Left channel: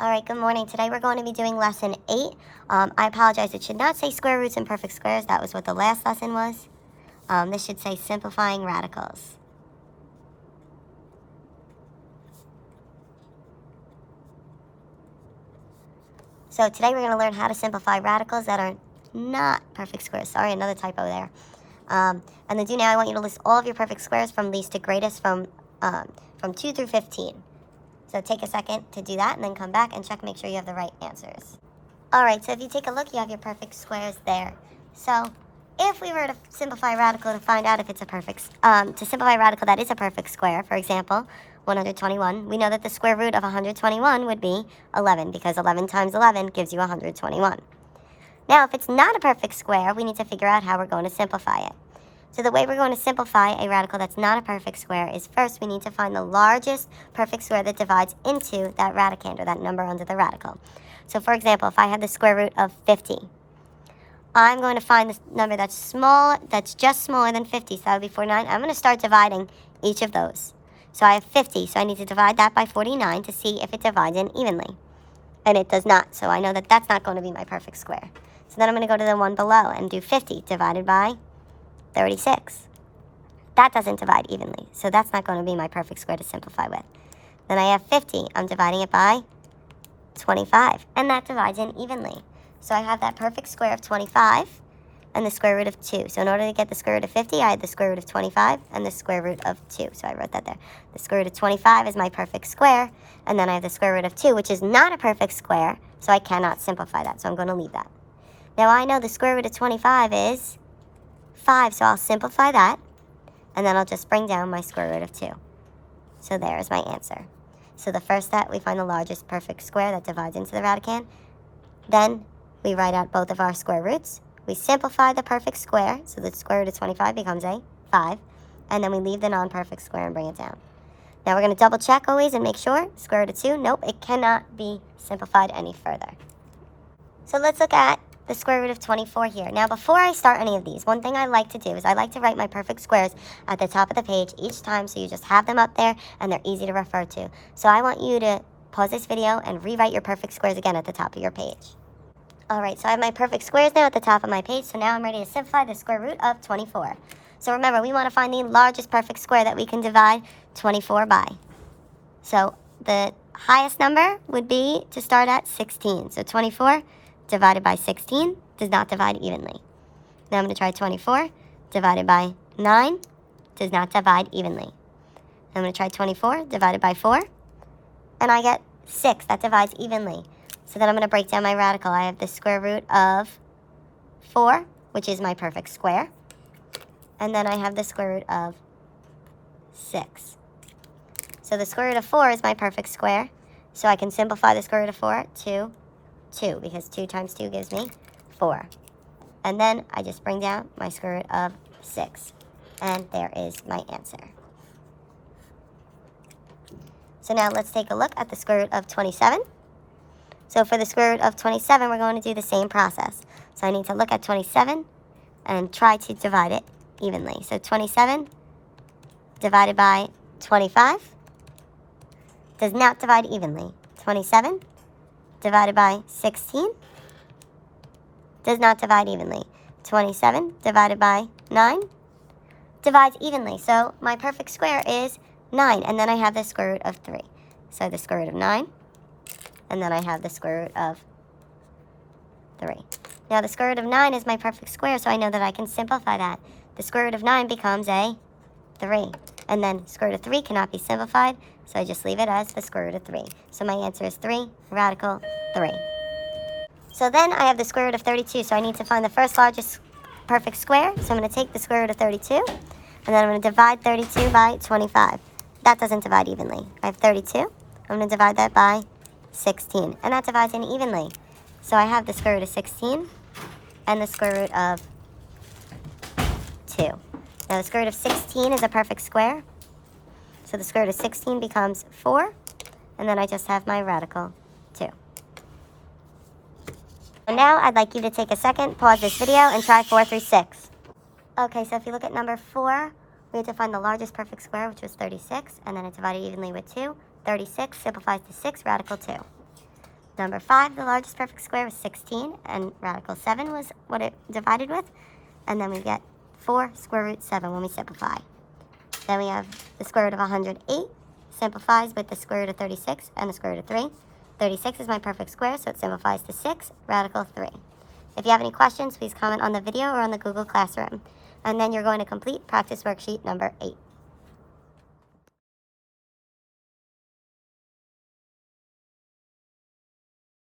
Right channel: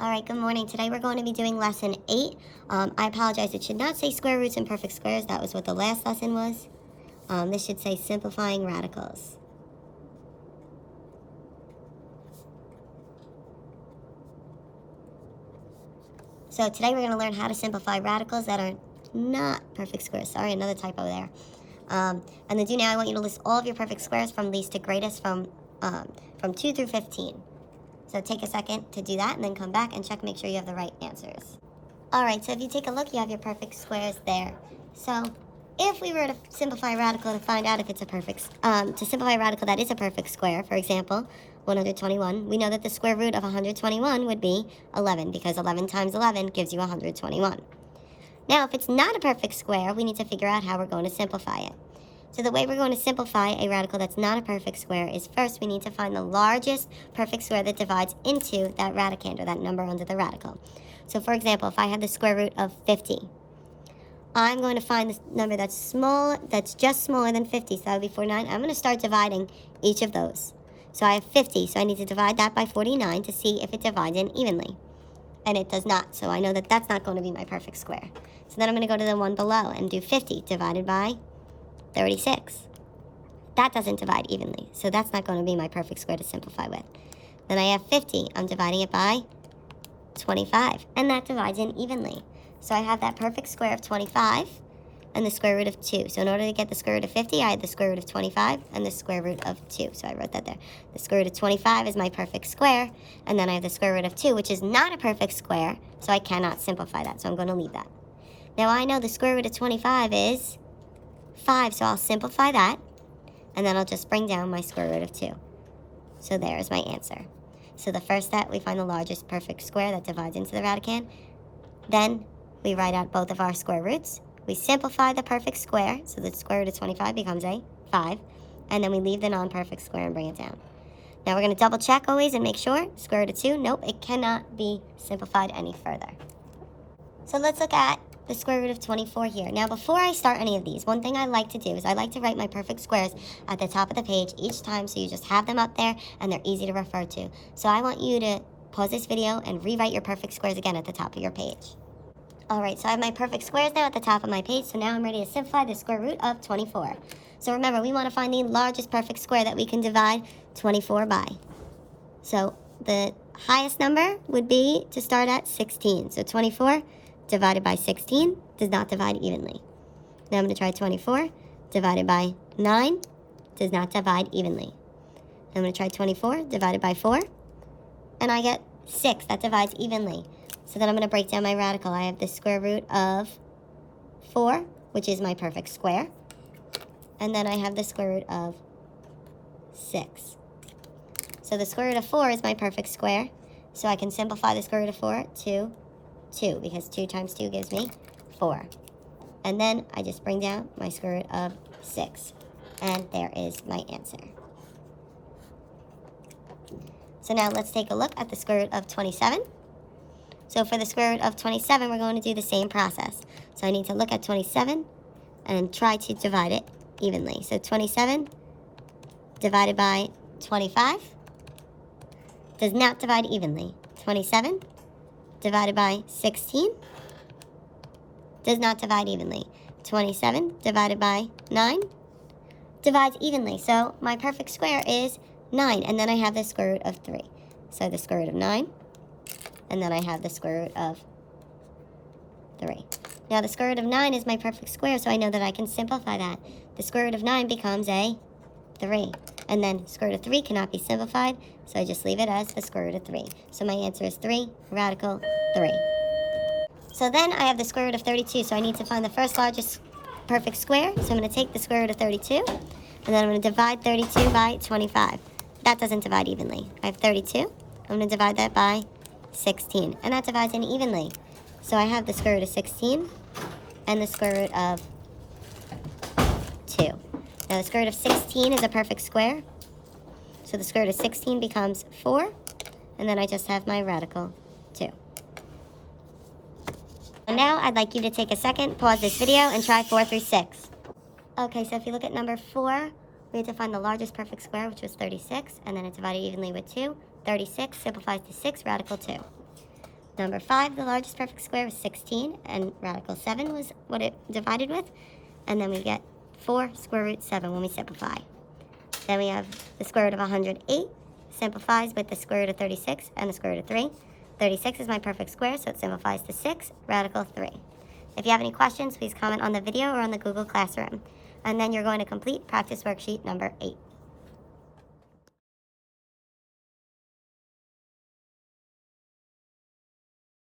All right, good morning. Today we're going to be doing lesson 8. I apologize, it should not say square roots and perfect squares. That was what the last lesson was. This should say simplifying radicals. So today we're going to learn how to simplify radicals that are not perfect squares. Sorry, another typo there. And to do now, I want you to list all of your perfect squares from least to greatest from 2 through 15. So take a second to do that and then come back and check, make sure you have the right answers. All right, so if you take a look, you have your perfect squares there. So if we were to simplify a radical to find out if it's a perfect, to simplify a radical that is a perfect square, for example, 121, we know that the square root of 121 would be 11 because 11 times 11 gives you 121. Now, if it's not a perfect square, we need to figure out how we're going to simplify it. So the way we're going to simplify a radical that's not a perfect square is first we need to find the largest perfect square that divides into that radicand, or that number under the radical. So for example, if I had the square root of 50, I'm going to find this number that's small, that's just smaller than 50, so that would be 49. I'm going to start dividing each of those. So I have 50, so I need to divide that by 49 to see if it divides in evenly. And it does not, so I know that that's not going to be my perfect square. So then I'm going to go to the one below and do 50 divided by 36. That doesn't divide evenly, so that's not going to be my perfect square to simplify with. Then I have 50. I'm dividing it by 25, and that divides in evenly. So I have that perfect square of 25 and the square root of 2. So in order to get the square root of 50, I had the square root of 25 and the square root of 2. So I wrote that there. The square root of 25 is my perfect square, and then I have the square root of 2, which is not a perfect square, so I cannot simplify that, so I'm going to leave that. Now I know the square root of 25 is 5, so I'll simplify that, and then I'll just bring down my square root of 2. So there is my answer. So the first step, we find the largest perfect square that divides into the radicand. Then we write out both of our square roots. We simplify the perfect square, so the square root of 25 becomes a 5, and then we leave the non-perfect square and bring it down. Now we're going to double check always and make sure. Square root of 2, nope, it cannot be simplified any further. So let's look at the square root of 24 here. Now before I start any of these, one thing I like to do is I like to write my perfect squares at the top of the page each time, so you just have them up there and they're easy to refer to. So I want you to pause this video and rewrite your perfect squares again at the top of your page. Alright, so I have my perfect squares now at the top of my page, so now I'm ready to simplify the square root of 24. So remember, we want to find the largest perfect square that we can divide 24 by. So the highest number would be to start at 16. So 24 divided by 16 does not divide evenly. Now I'm going to try 24 divided by 9 does not divide evenly. I'm going to try 24 divided by 4, and I get 6. That divides evenly. So then I'm going to break down my radical. I have the square root of 4, which is my perfect square. And then I have the square root of 6. So the square root of 4 is my perfect square. So I can simplify the square root of 4 to 2, because 2 times 2 gives me 4. And then I just bring down my square root of 6. And there is my answer. So now let's take a look at the square root of 27. So for the square root of 27, we're going to do the same process. So I need to look at 27 and try to divide it evenly. So 27 divided by 25 does not divide evenly. 27 divided by 16 does not divide evenly. 27 divided by 9 divides evenly. So my perfect square is 9, and then I have the square root of 3. So the square root of 9, and then I have the square root of 3. Now the square root of 9 is my perfect square, so I know that I can simplify that. The square root of 9 becomes a 3. And then square root of 3 cannot be simplified, so I just leave it as the square root of 3. So my answer is 3, radical 3. So then I have the square root of 32, so I need to find the first largest perfect square. So I'm going to take the square root of 32, and then I'm going to divide 32 by 25. That doesn't divide evenly. I have 32. I'm going to divide that by 16, and that divides in evenly. So I have the square root of 16 and the square root of 2. Now the square root of 16 is a perfect square, so the square root of 16 becomes 4, and then I just have my radical 2. And now I'd like you to take a second, pause this video, and try 4 through 6. Okay, so if you look at number 4, we have to find the largest perfect square, which was 36, and then it's divided evenly with 2. 36 simplifies to 6, radical 2. Number 5, the largest perfect square was 16, and radical 7 was what it divided with. And then we get 4 square root 7 when we simplify. Then we have the square root of 108, simplifies with the square root of 36 and the square root of 3. 36 is my perfect square, so it simplifies to 6, radical 3. If you have any questions, please comment on the video or on the Google Classroom. And then you're going to complete practice worksheet number 8.